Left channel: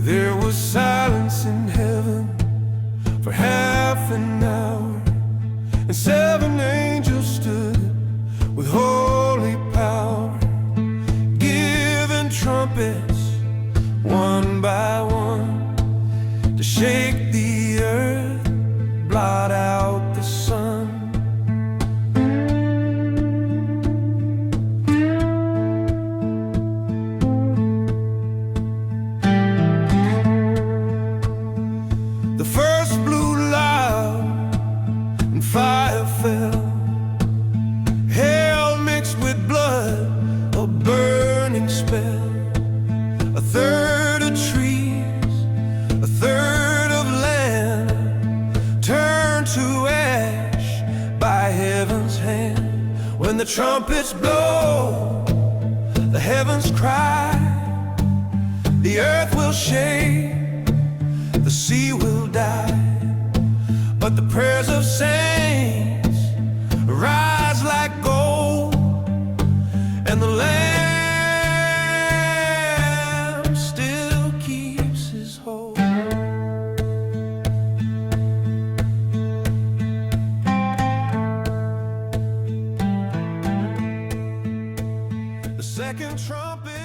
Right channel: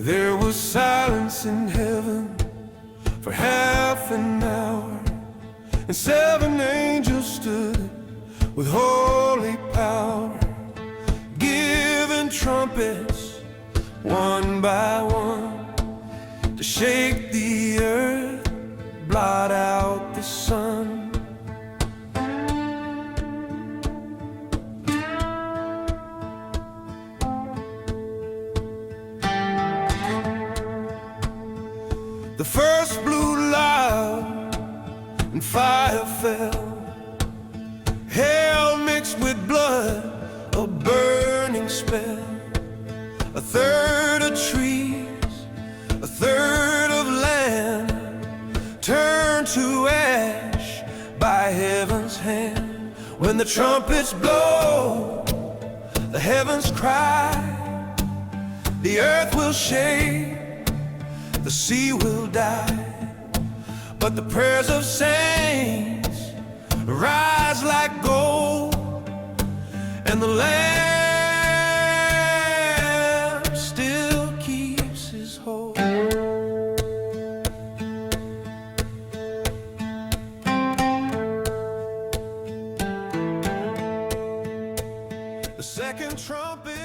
There was silence in heaven for half an hour, and 7 angels stood with holy power, giving trumpets one by one to shake the earth, blot out the sun. The first blew loud and fire fell. Hell mixed with blood, a burning spell. 1/3 of trees, 1/3 of land turned to ash by heaven's hand. When the trumpets blow, the heavens cry, the earth will shake, the sea will die, but the prayers of saints rise like gold, and the Lamb still keeps his hold. The second trumpet